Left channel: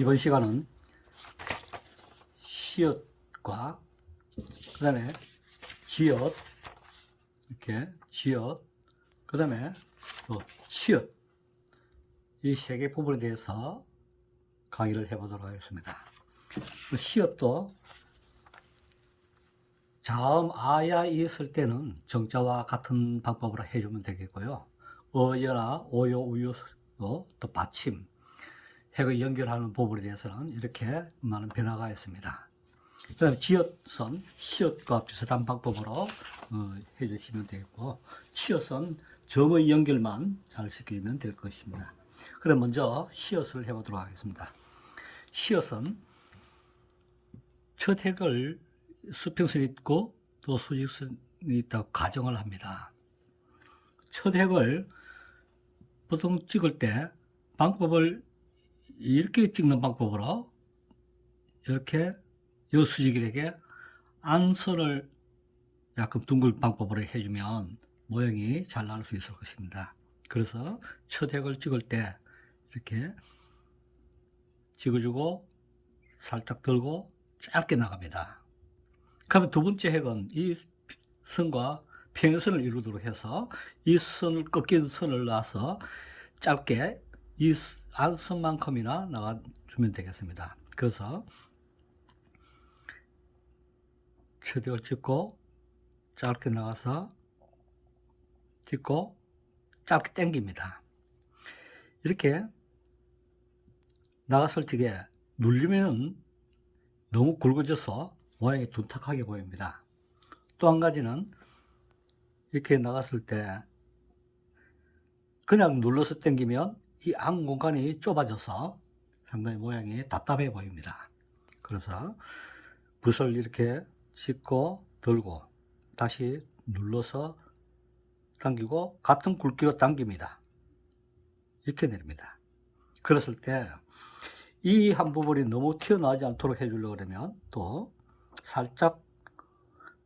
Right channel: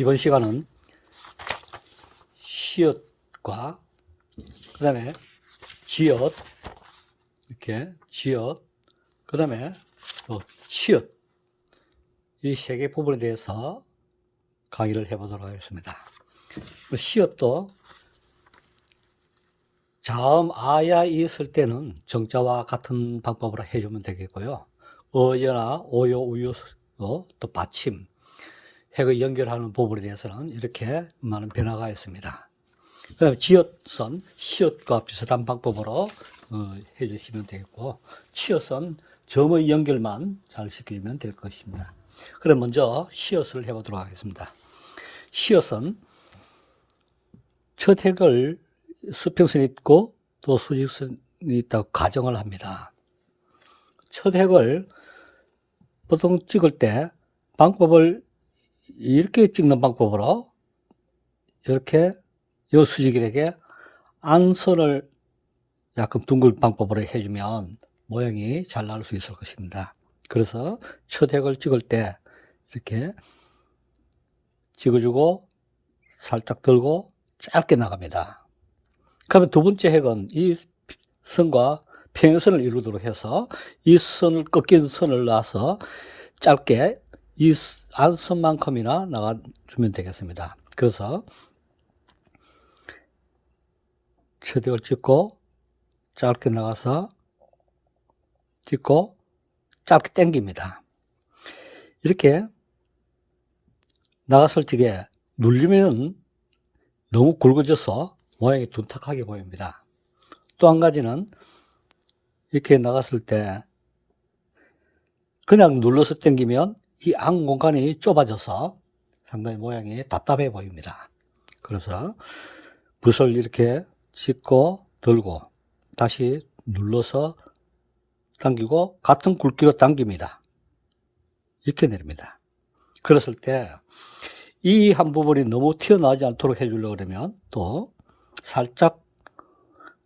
이번 시간은 시옷과 그 다음에 지엇 이렇게 지엇 그 다음에 또 치엇 이 세 개 부분에 대해서 강의를 해보도록 하겠습니다. 그 시옷도 자음 아야 있을 때는 정자와 같은 방법으로 해주면 되겠고요. 어여나 오요 우요 어, 또 받침 핵을 연결하는 부분에 대해서는 이렇게 많은 변화가 있습니다. 그 다음에 지읒선, 시읒과 비슷한 방법으로 어, 해주시면 되겠고 치읒은 점의 연결만 잘 시켜주면 될 것입니다. 그럼 먼저 시읒을 해보도록 하겠습니다. 시읒은 첫 핵을 수평선이 있고 또 수직선이 있다고 가정을 합니다. 첫 핵을 보통 찍을 때 방법을 이렇게 찍는 방법으로 이렇게 요 수직일에게 안선을 약간 둥글 방법으로 해주면 모양이 잘 나올 수 있을 것입니다. 그래서 첫 핵을 찍을 때 이렇게 찍어주고 살짝 들고 짧게 나갑니다. 그러면 두 번째 핵은 이 선과 평행선을 이루도록 해서 이 선을 꺾인 선을 놔서 짧게 이 안선만큼이나 나가주면 되겠습니다. 그래서 최대를 찍고 짧게 나가서 찍고 짧게 당깁니다. 이렇게 나갔을 적에 눌리면 너무 굵어져서 모양이 둔탁하게 보입니다. 또 한 가지는 이렇게 나갔을 때 그냥 눌러서 당기면 이 안 공간이 좁아져서 상당히 모양이 답답해 보입니다. 그래서 붓을 이렇게 짚고 들고 다시 눌러서 당기고 같은 굵기로 당깁니다. 이렇게 내립니다. 그랬을 때 이 한 부분이 너무 튀어나오지 않도록 해주려고 그러면 또 살짝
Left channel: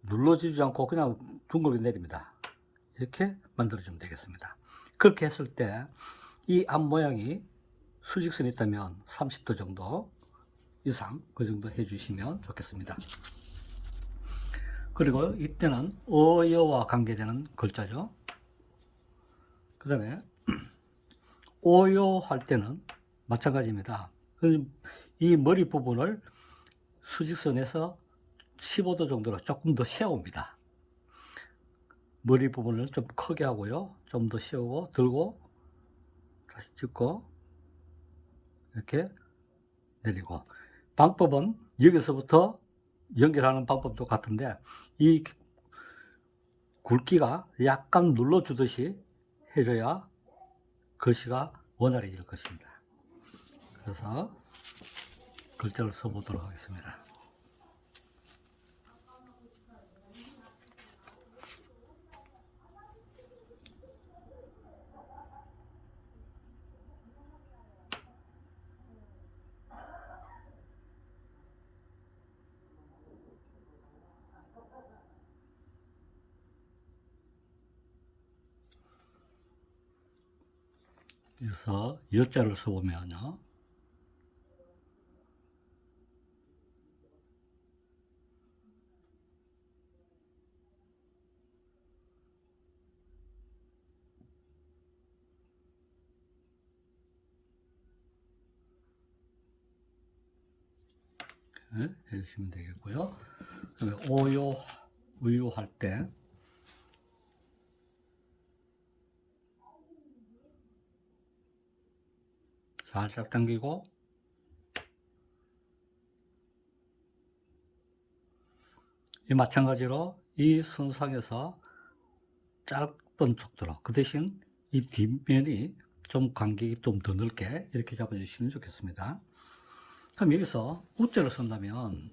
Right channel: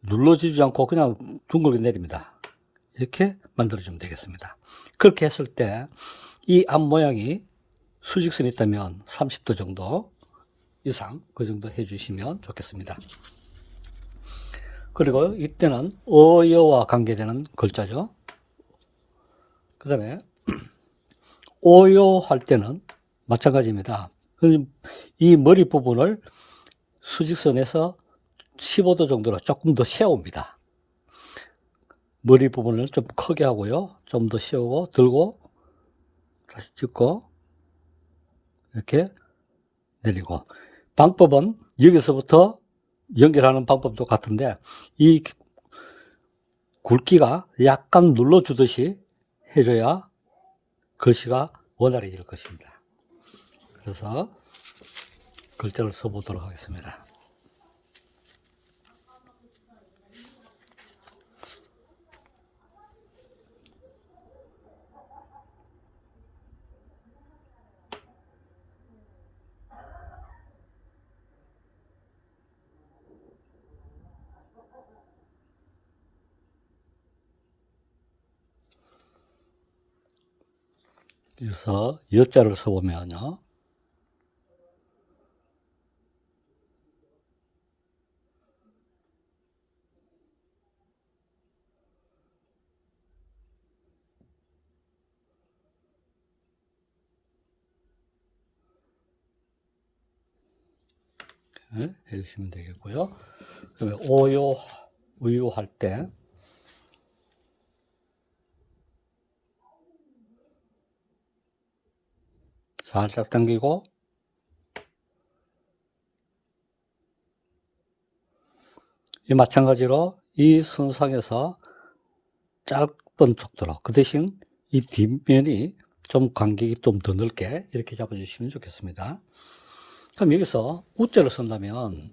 눌러지지 않고 그냥 둥글게 내립니다. 이렇게 만들어주면 되겠습니다. 그렇게 했을 때 이 앞 모양이 수직선이 있다면 30도 정도 이상 그 정도 해주시면 좋겠습니다. 그리고 이때는 어여와 관계되는 글자죠. 그 다음에 오요 할 때는 마찬가지입니다. 이 머리 부분을 수직선에서 15도 정도로 조금 더 세웁니다. 머리 부분을 좀 크게 하고요. 좀 더 세우고 들고 다시 찍고 이렇게 내리고 방법은 여기서부터 연결하는 방법도 같은데 이 굵기가 약간 눌러주듯이 해줘야 글씨가 원활해질 것입니다. 그래서 글자를 써보도록 하겠습니다. 그래서 여자를 써보면요. 네, 해주시면 되겠고요. 그다음에 오요, 우유 할 때, 살짝 당기고, 이 마찬가지로 이 선상에서 짧은 속도로, 그 대신 이 뒷면이 좀 간격이 좀 더 넓게 이렇게 잡아주시면 좋겠습니다. 그럼 여기서 우자를 쓴다면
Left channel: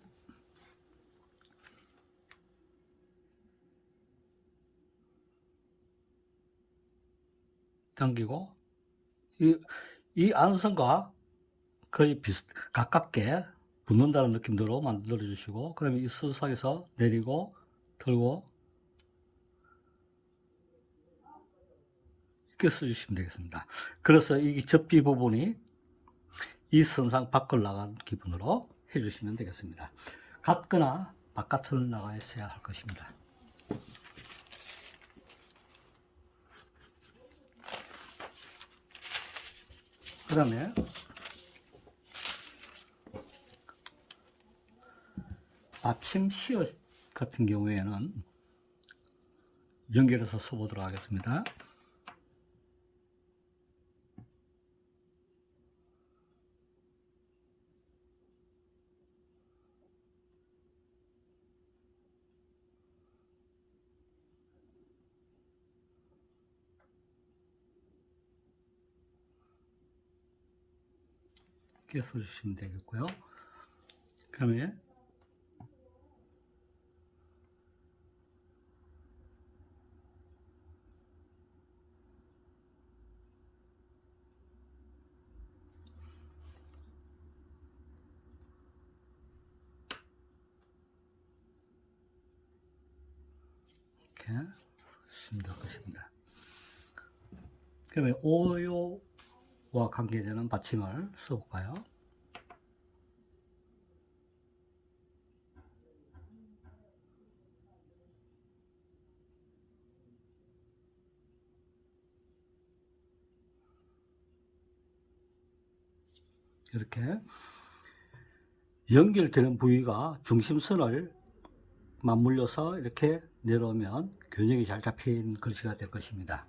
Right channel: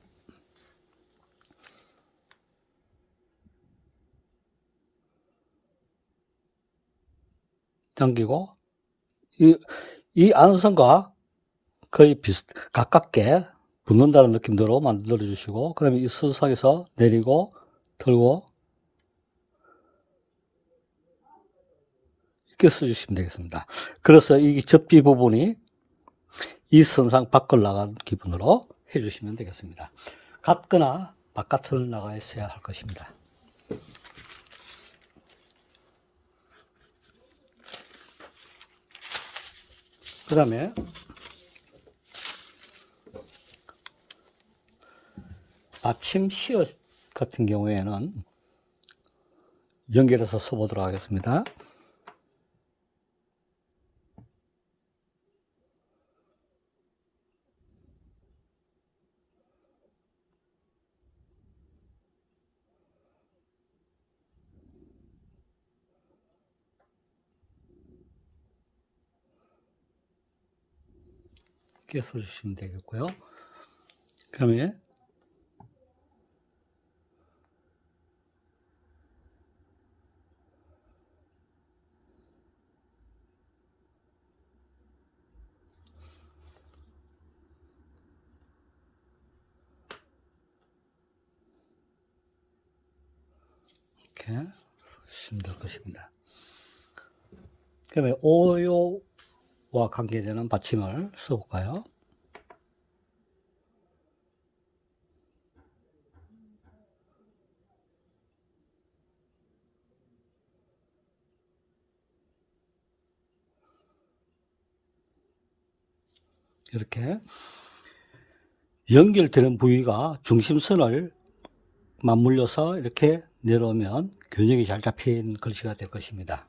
당기고 이, 이 안선과 거의 비슷 가깝게 붙는다는 느낌대로 만들어 주시고 그 다음에 이 수상에서 내리고 들고 이렇게 써주시면 되겠습니다. 그래서 이 접지 부분이 이 선상 밖을 나간 기분으로 해주시면 되겠습니다. 같거나 바깥을 나가 있어야 할 것입니다. 그 다음에 아침 시옷 같은 경우에는 연결해서 써보도록 하겠습니다. 이렇게 써주시면 되겠고요. 그 다음에 이렇게 쓰시면 될 것입니다. 그 다음에 오요 와 관계되는 받침을 써볼까요? 이렇게 연결되는 부위가 중심선을 맞물려서 이렇게 내려오면 균형이 잘 잡힌 글씨가 될 것입니다.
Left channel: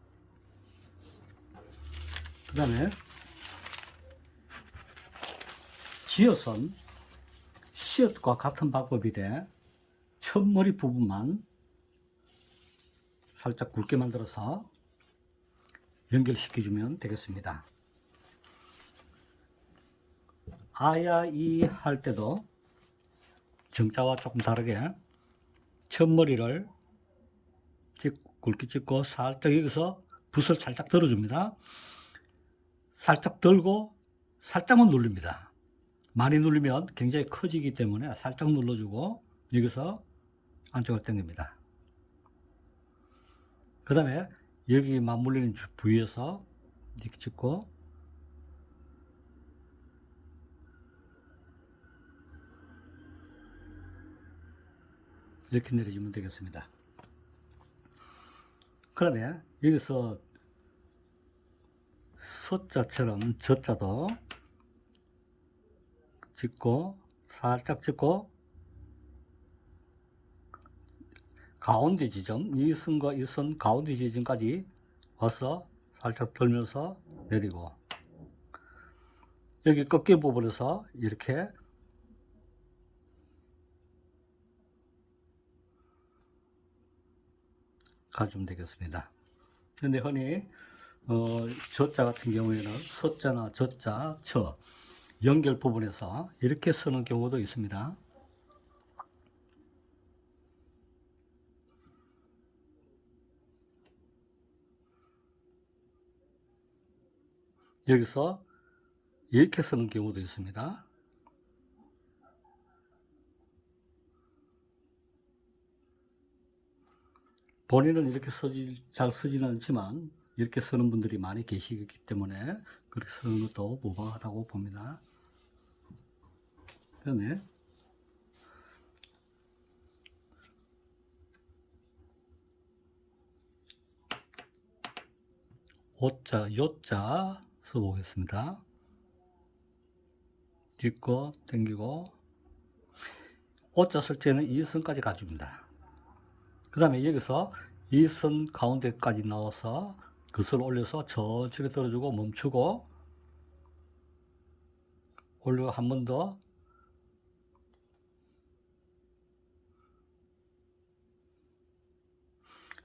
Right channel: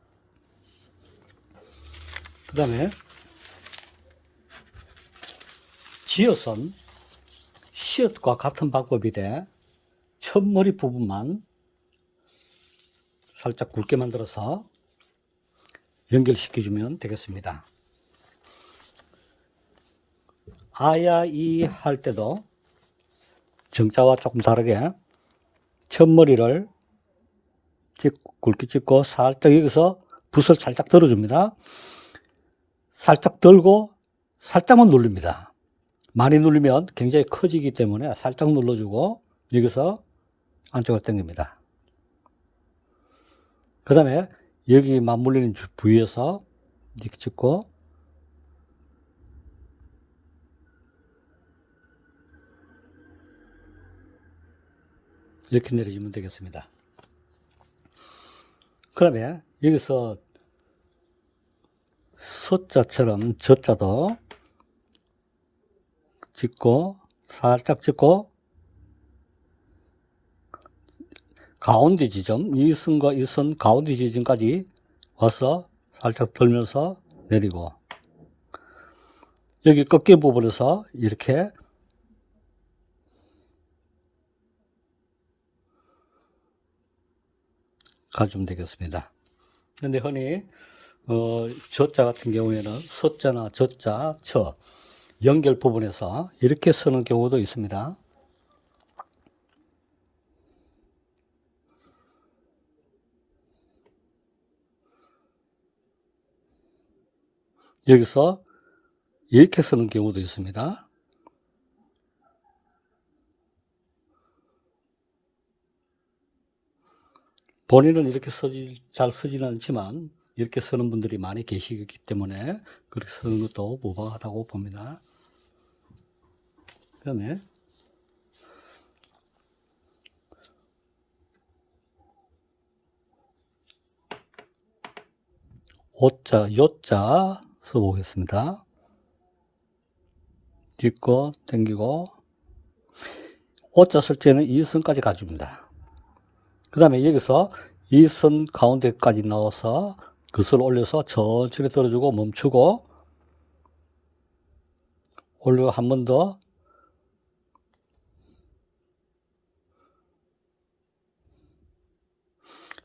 그 다음에 지어선 시옷과 같은 방법인데 첫머리 부분만 살짝 굵게 만들어서 연결시켜주면 되겠습니다. 아야 이 할 때도 정자와 조금 다르게 첫머리를 찍, 굵게 찍고 살짝 여기서 붓을 살짝 들어줍니다. 살짝 들고 살짝만 누릅니다. 많이 누르면 굉장히 커지기 때문에 살짝 눌러주고 여기서 안쪽으로 당깁니다. 그 다음에 여기 맞물리는 주- 부위에서 이렇게 찍고 이렇게 내려주면 되겠습니다. 그 다음에 여기서 서자처럼 저자도 찍고 살짝 찍고 가운데 지점 이 선과 이 선 가운데 지점까지 와서 살짝 들면서 내리고 여기 꺾여 부분에서 이렇게 가주면 되겠습니다. 그런데 흔히 어, 저자 같은 경우에는 서자나 저자, 저 연결 부분에서 이렇게 쓰는 경우도 있습니다. 여기서 이렇게 쓰는 경우도 있습니다. 본인은 이렇게 쓰지, 잘 쓰지는 않지만 이렇게 쓰는 분들이 많이 계시기 때문에 그렇게 쓰는 것도 무방하다고 봅니다. 그 다음에 오자, 요자 써보겠습니다. 딛고 당기고 오자 쓸 때는 이 선까지 가줍니다. 그 다음에 여기서 이 선 가운데까지 넣어서 그것을 올려서 천천히 떨어주고 멈추고 올려 한 번 더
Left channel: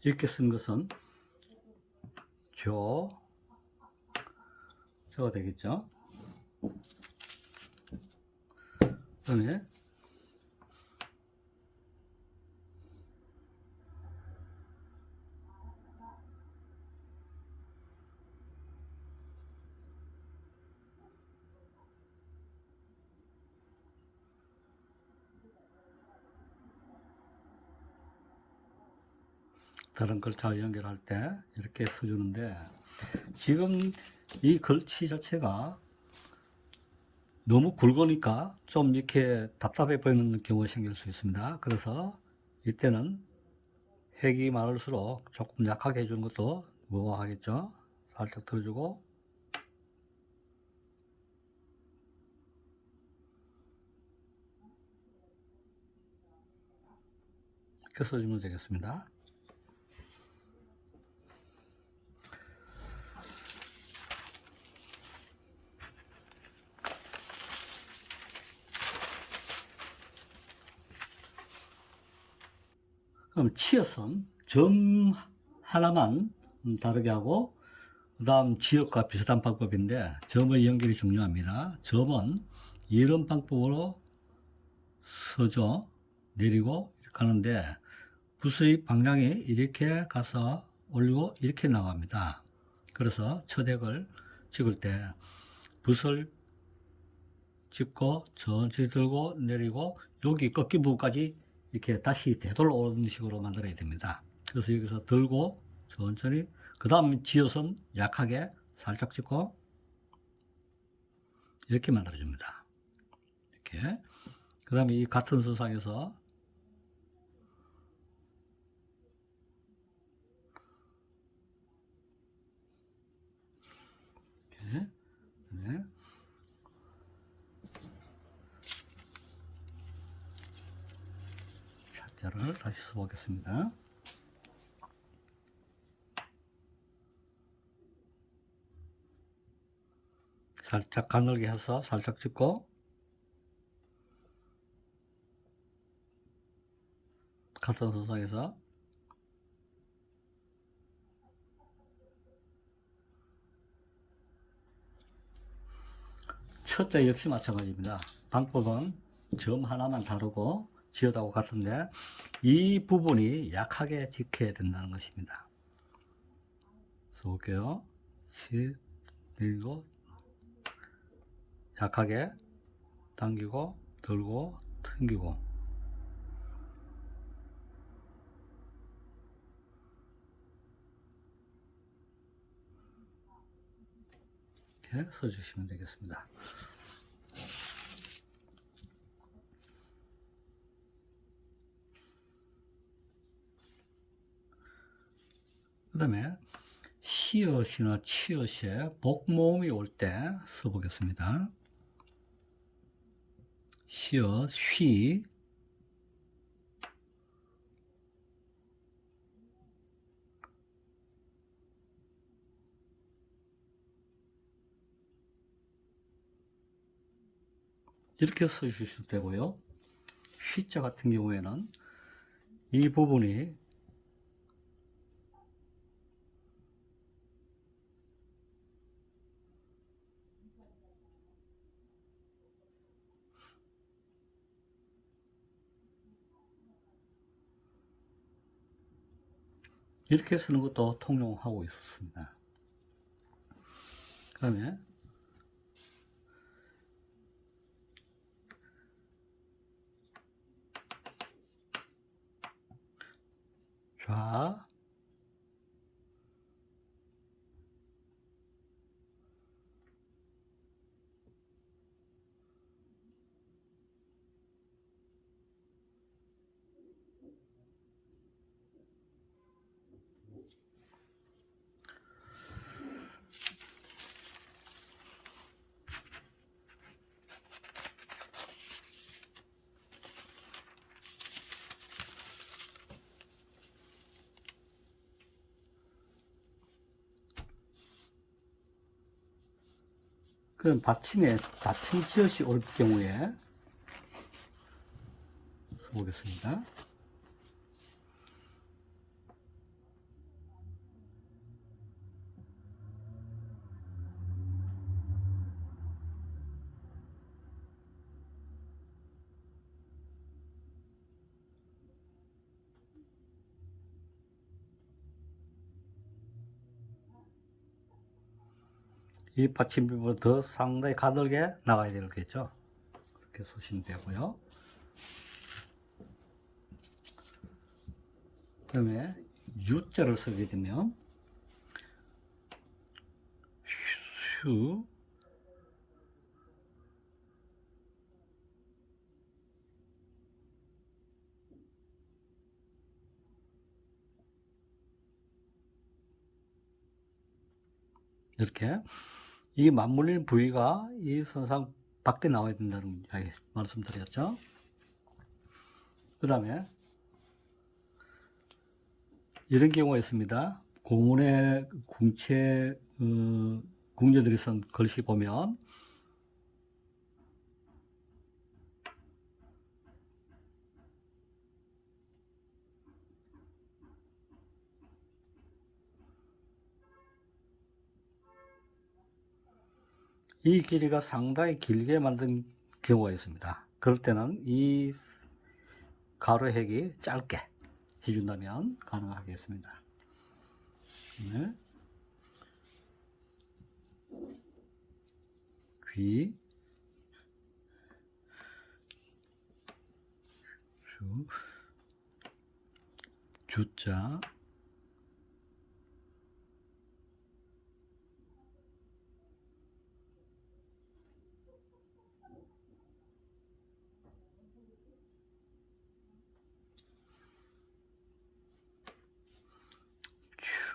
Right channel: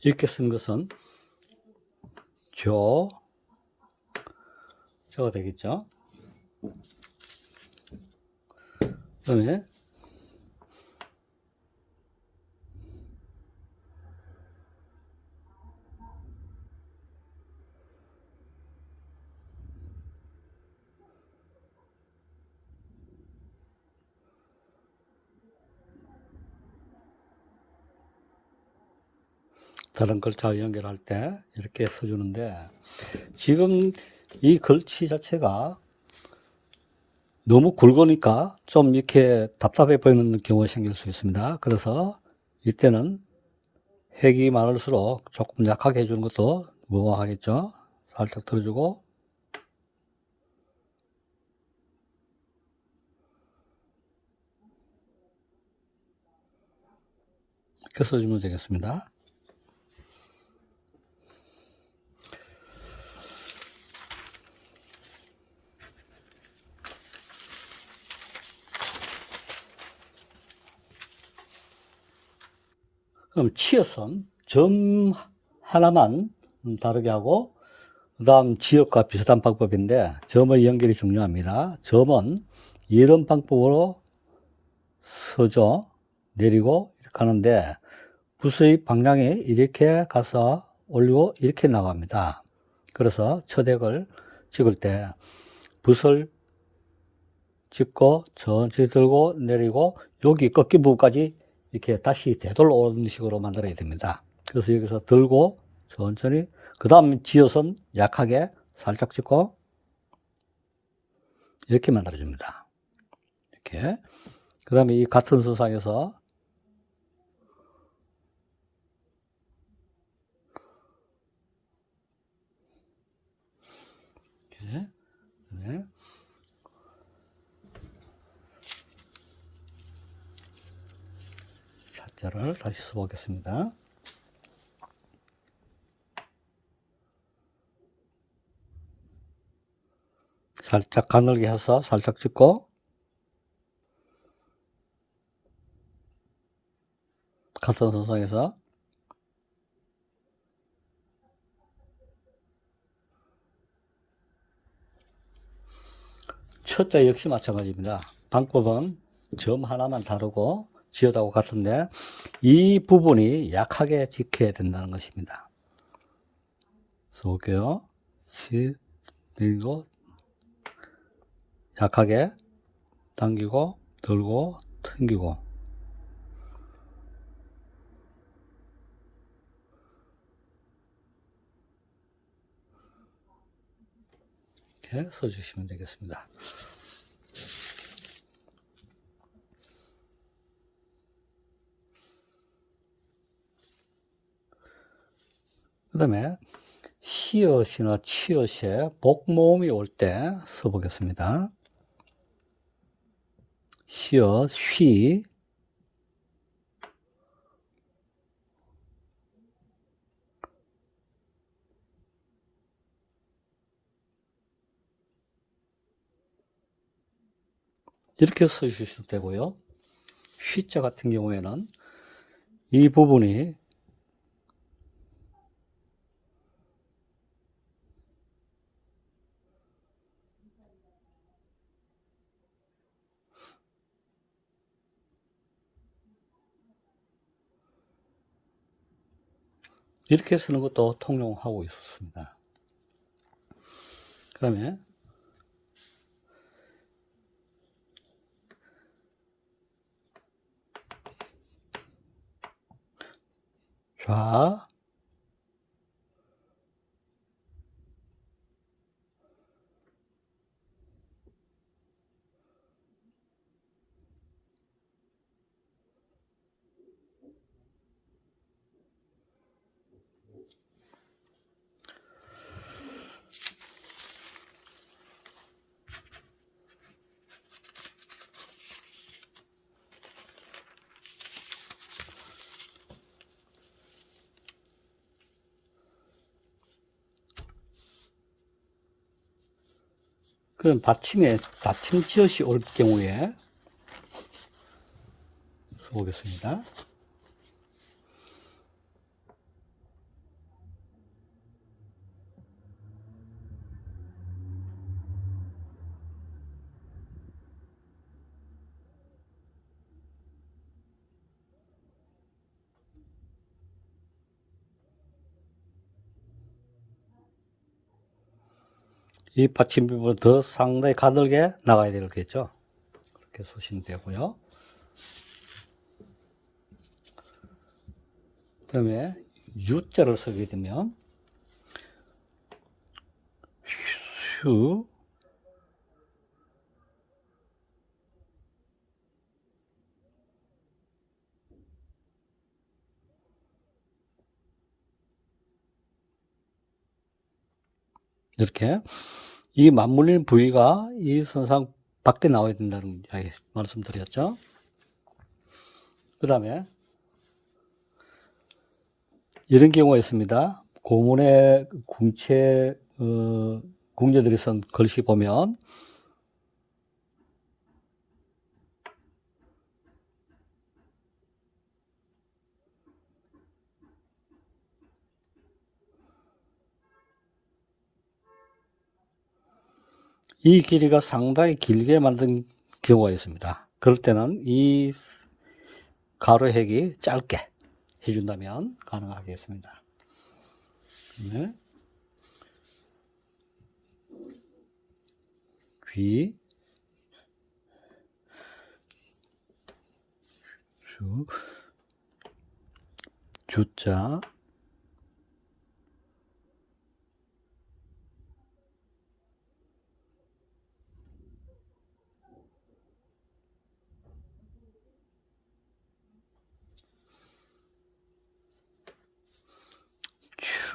이렇게 쓴 것은 조 저가 되겠죠. 그 다음에 다른 글자와 연결할 때 이렇게 써주는데 지금 이 글씨 자체가 너무 굵으니까 좀 이렇게 답답해 보이는 경우가 생길 수 있습니다. 그래서 이때는 획이 많을수록 조금 약하게 해주는 것도 무방하겠죠. 살짝 들어주고 이렇게 써주면 되겠습니다. 그럼 치어선 점 하나만 음, 다르게 하고 그 다음 지역과 비슷한 방법인데 점의 연결이 중요합니다. 점은 이런 방법으로 서죠. 내리고 이렇게 하는데 붓의 방향이 이렇게 가서 올리고 이렇게 나갑니다. 그래서 처덱을 찍을 때 붓을 찍고 천천히 들고 내리고 여기 꺾인 부분까지 이렇게 다시 되돌아 오는 식으로 만들어야 됩니다. 그래서 여기서 들고 천천히 그 다음 지어선 약하게 살짝 찍고 이렇게 만들어줍니다. 이렇게 그 다음에 이 같은 수상에서 이렇게 네. 자자를 다시 써보겠습니다. 살짝 가늘게 해서 살짝 찍고 같은 선상에서 첫째 역시 마찬가지입니다. 방법은 점 하나만 다르고 지어다고 같은데 이 부분이 약하게 지켜야 된다는 것입니다. 볼게요. 시, 그리고 약하게 당기고 들고 당기고 이렇게 써주시면 되겠습니다. 그 다음에 시옷이나 치옷에 복모음이 올 때 써보겠습니다. 시옷, 휘, 이렇게 써주셔도 되고요. 휘자 같은 경우에는 이 부분이 이렇게 쓰는 것도 통용하고 있었습니다. 그 다음에 좌, 그럼 받침에 받침 지엇이 올 경우에 보겠습니다. 이 받침부분을 더 상당히 가늘게 나가야 되겠죠. 그렇게 쓰시면 되고요. 그 다음에 U자를 쓰게 되면 휴 이렇게 이 맞물리는 부위가 이 선상 밖에 나와야 된다는 이야기 말씀드렸죠. 그 다음에 이런 경우가 있습니다. 고문의 궁체 어, 궁녀들이 쓴 글씨 보면 이 길이가 상당히 길게 만든 경우가 있습니다. 그럴 때는 이 가로획이 짧게 해준다면 가능하겠습니다. 네. 귀, 주, 주자,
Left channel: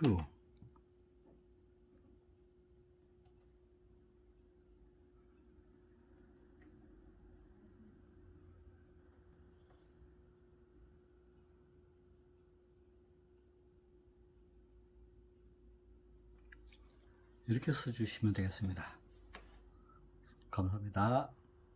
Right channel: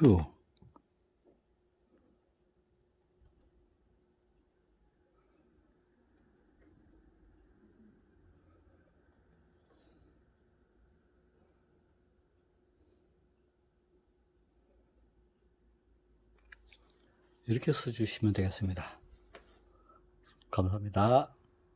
추. 이렇게 써주시면 되겠습니다. 감사합니다.